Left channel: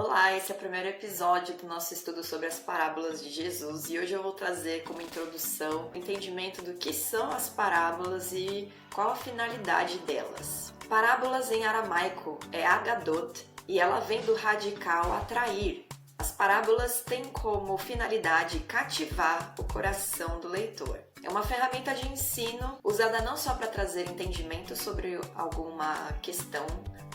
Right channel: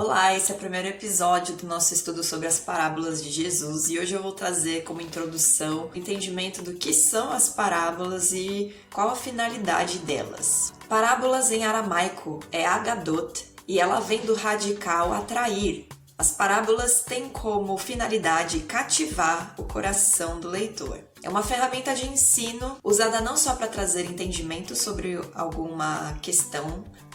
Olá, esse é o primeiro episódio do nosso estudo sobre as parábolas de Jesus e hoje eu vou trazer como introdução o entendimento do que são as parábolas e qual a finalidade delas. Parábolas em aramaico é agadot e ela vem do radical atrair. As parábolas têm como finalidade cativar o coração do leitor. É uma ferramenta de ensino usada não só para trazer entendimento sobre alguma questão,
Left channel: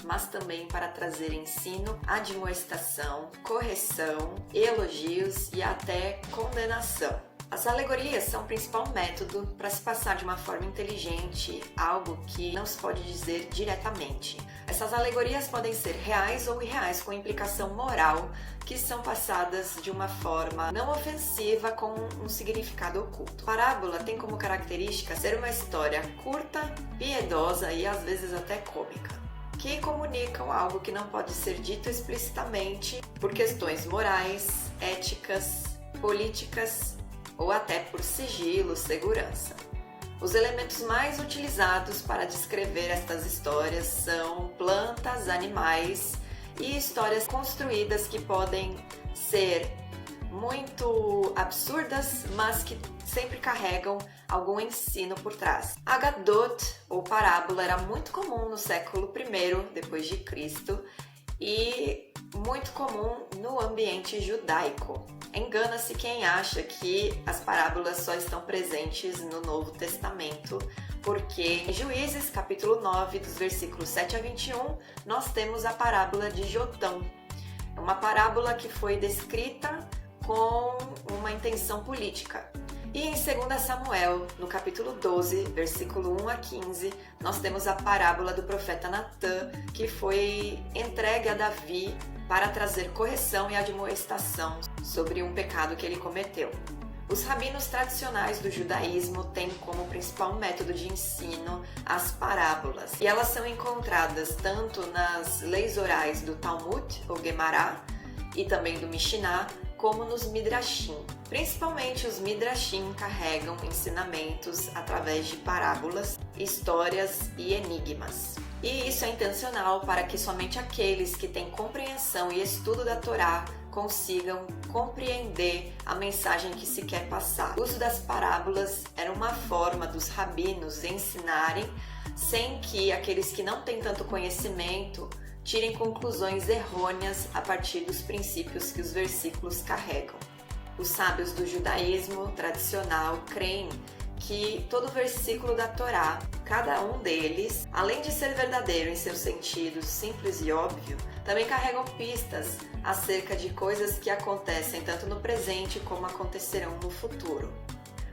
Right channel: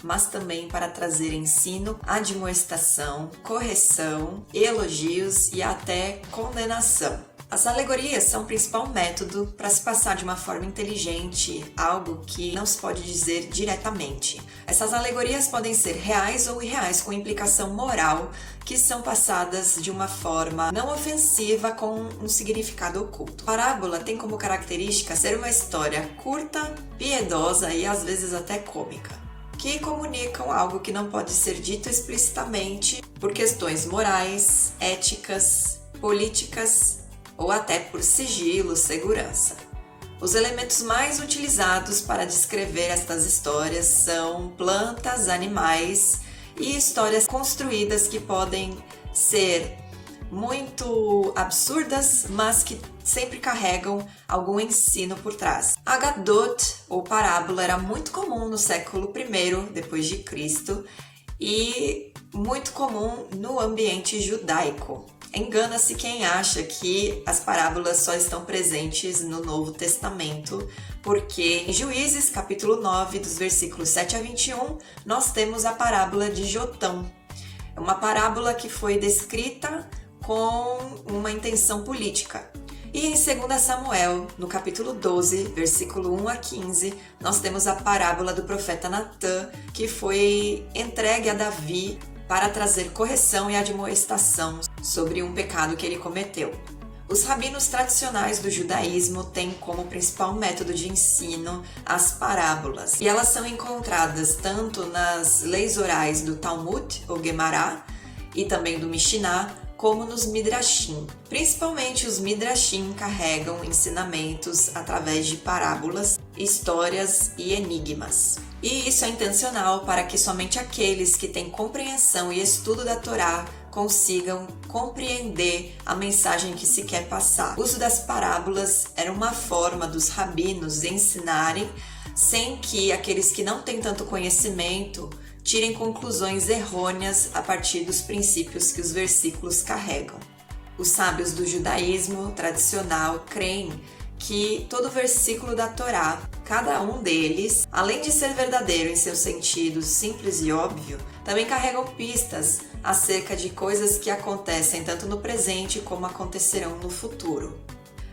mas também para trazer ensino, admoestação, correção, elogios e até condenação. As alegorias são o principal método para se passar de uma forma inteligente algo que não se pode dizer diretamente. Essas alegorias podem ser reais ou irreais, com implicação moral, que são passadas de uma forma não ofensiva com um significado oculto. Parábola tem como característica ser uma história curta, piedosa e às vezes até cômica, que comunicam algo que não pode ser dito explicitamente por questões morais, éticas, políticas ou até por sigilo, segurança. Os elementos mais utilizados para descrever estas histórias são plantas, animais e histórias construídas que podem ser muito absurdas, mas que sempre carregam algum ensino por trás. Agadot, ou parábola, era muito comum no século I depois de Cristo e muito comum no ambiente judaico. Engana-se quem acha que as parábolas só estão presentes no Novo Testamento, porque em Juízes, capítulo 9, dos versículos 7 a 21, nós temos a parábola de Jotão. É uma parábola que foi descrita com uma intenção política. E em 2 Samuel, no capítulo 12, versículo 1 a 15, nós temos a parábola do profeta Natã, que foi entregue a Davi para trazer correção e admoestação sobre um pecado que ele cometeu. Os rabinos tradicionais do judaísmo têm como principal método de ensino as parábolas, e elas são encontradas tanto nas leis orais do Talmud, ou Gemara, e também do Mishnah, como nos Midrashim. Principalmente os Midrashim carregam ensinamentos através de parábolas, histórias e enigmas. E isso é intencional para que somente aqueles que têm compreensão e estudo da Torá consigam compreender a mensagem que se quer passar. O uso das parábolas era uma forma dos rabinos ensinarem sem que aqueles que não têm tanto conhecimento tirem conclusões errôneas a partir dos princípios que os versículos carregam. Os sábios do judaísmo tradicional creem que todo versículo da Torá, cada um deles, além de ser verdadeiro em seu sentido simples e óbvio, também carregam pistas acerca de coisas que acontecem tanto no presente como acontecerão no futuro.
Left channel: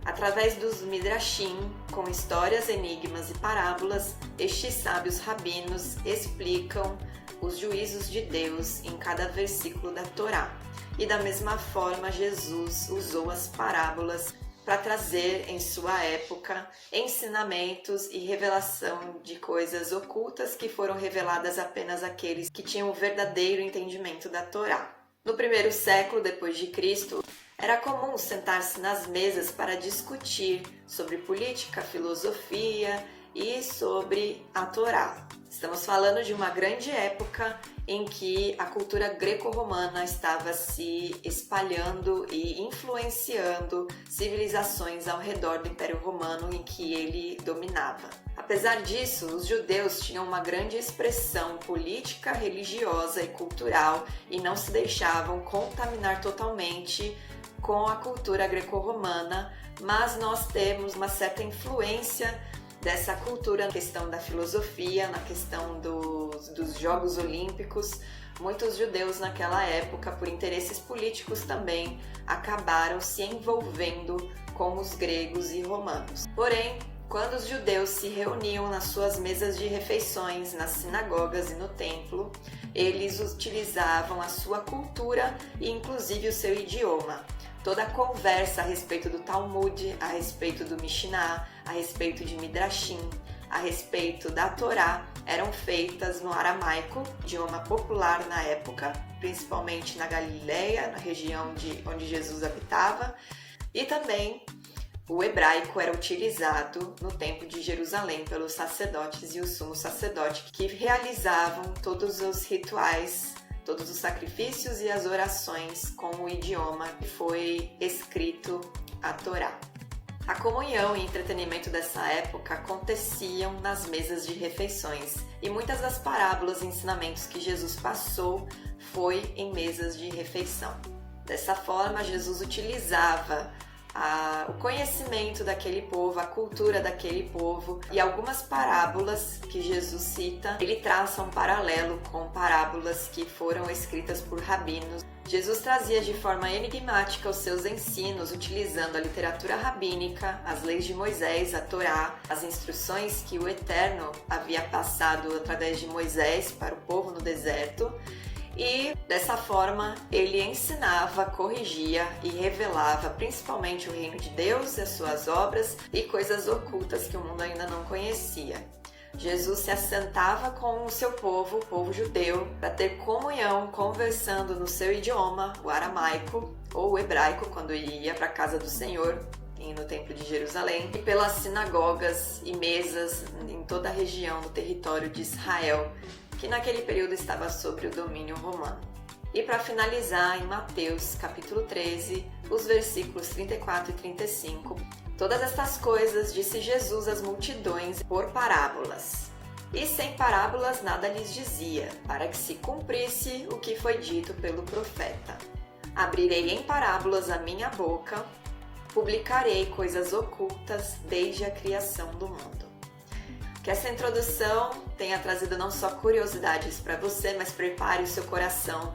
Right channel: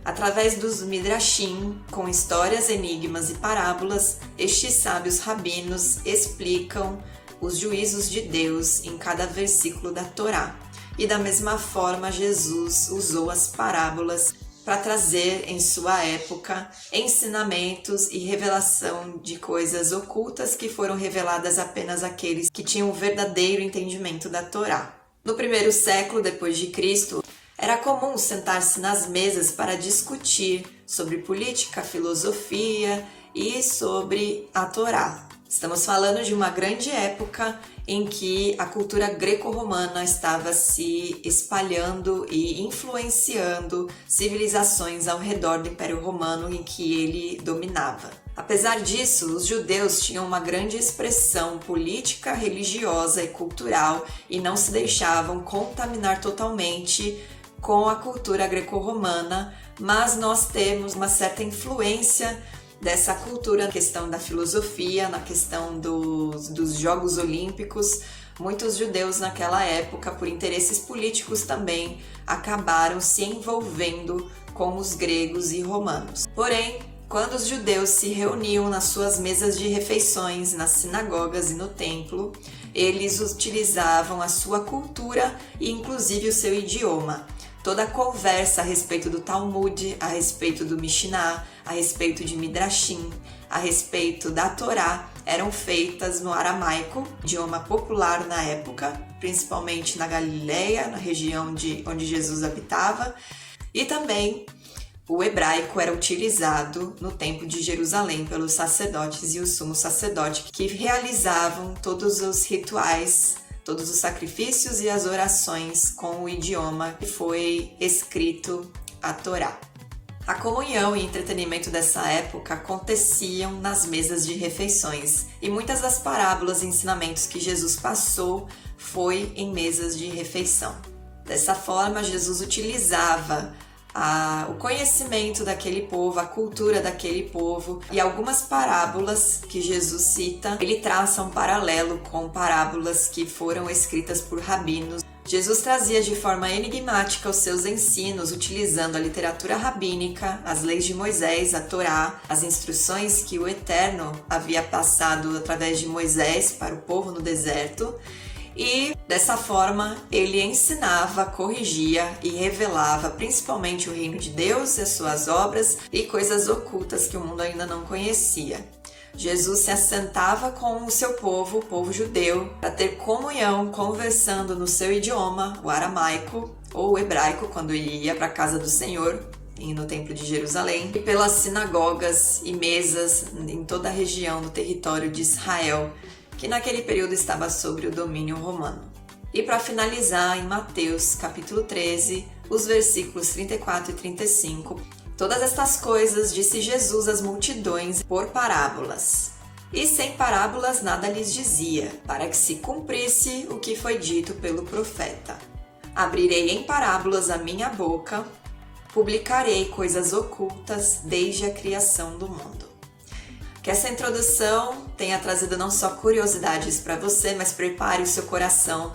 Através dos Midrashim, com histórias, enigmas e parábolas, estes sábios rabinos explicam os juízos de Deus em cada versículo da Torá. E da mesma forma, Jesus usou as parábolas para trazer em sua época ensinamentos e revelação de coisas ocultas que foram reveladas apenas àqueles que tinham o verdadeiro entendimento da Torá. No primeiro século depois de Cristo, era comum sentar-se nas mesas para discutir sobre política, filosofia e sobre a Torá. Estamos falando de uma grande época em que a cultura greco-romana estava se espalhando e influenciando civilizações ao redor do Império Romano em que ele dominava. Apesar disso, os judeus tinham uma grande expressão política, religiosa e cultural e não se deixavam contaminar totalmente com a cultura greco-romana, mas nós temos uma certa influência dessa cultura na questão da filosofia, na questão dos Jogos Olímpicos. Muitos judeus naquela época, por interesses políticos também, acabaram se envolvendo com os gregos e romanos. Porém, quando os judeus se reuniam nas suas mesas de refeições, nas sinagogas e no templo, eles utilizavam a sua cultura e inclusive o seu idioma. Toda a conversa a respeito do Talmud, a respeito do Mishnah, a respeito de Midrashim, a respeito da Torá, eram feitas no aramaico, idioma popular na época, principalmente na Galileia, na região onde Jesus habitava, e também o hebraico era utilizado no Templo de Jerusalém pelos sacerdotes e o sumo sacerdote, que realizavam todos os rituais todos os sacrifícios e as orações com o idioma que foi escrito a Torá. A comunhão e entretenimento dessa época aconteciam nas mesas de refeições, e muitas das parábolas e ensinamentos que Jesus passou foi em mesas de refeição. Dessa forma, Jesus utilizava o conhecimento daquele povo, a cultura daquele povo, e algumas parábolas que Jesus cita, ele traça um paralelo com parábolas que foram escritas por rabinos. Jesus trazia de forma enigmática os seus ensinos, utilizando a literatura rabínica, as leis de Moisés, a Torá, as instruções que o Eterno havia passado através de Moisés para o povo no deserto. E dessa forma ele ensinava, corrigia e revelava principalmente o reino de Deus e as suas obras e coisas ocultas que o mundo ainda não conhecia. Jesus se assentava com o seu povo, o povo judeu, para ter comunhão, conversando no seu idioma, o aramaico ou o hebraico, quando ele ia para a casa do Senhor, no Templo de Jerusalém, e pelas sinagogas e mesas em toda a região do território de Israel, que naquele período estava sob o domínio romano. E para finalizar, em Mateus capítulo 13, os versículos 34 e 35, todas estas coisas disse Jesus às multidões por parábolas. E sem parábolas nada lhes dizia, para que se cumprisse o que foi dito pelo profeta. Abrirei em parábolas a minha boca, publicarei coisas ocultas desde a criação do mundo. Que essa introdução tenha trazido não só curiosidades para você, mas prepare o seu coração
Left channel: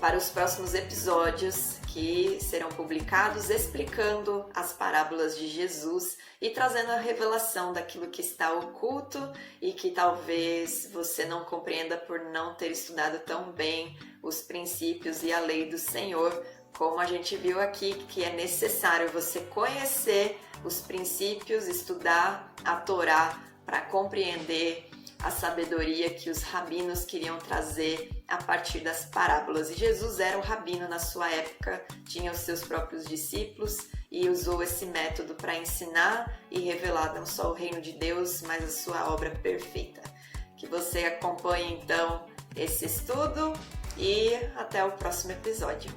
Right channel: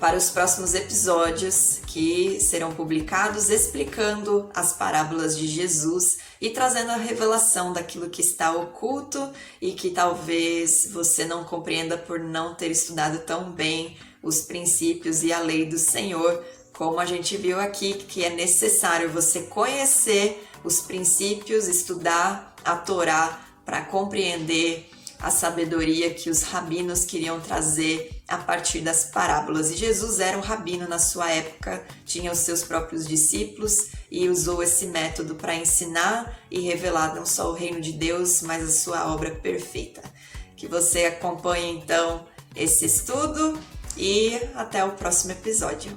para os próximos episódios que serão publicados explicando as parábolas de Jesus e trazendo a revelação daquilo que está oculto e que talvez você não compreenda por não ter estudado tão bem os princípios e a lei do Senhor, como a gente viu aqui, que é necessário você conhecer os princípios, estudar a Torá para compreender a sabedoria que os rabinos queriam trazer a partir das parábolas. E Jesus era um rabino na sua época, tinha os seus próprios discípulos e usou esse método para ensinar e revelar não só o reino de Deus, mas a sua obra perfeita. Que você acompanhe então esse estudo e até o próximo episódio.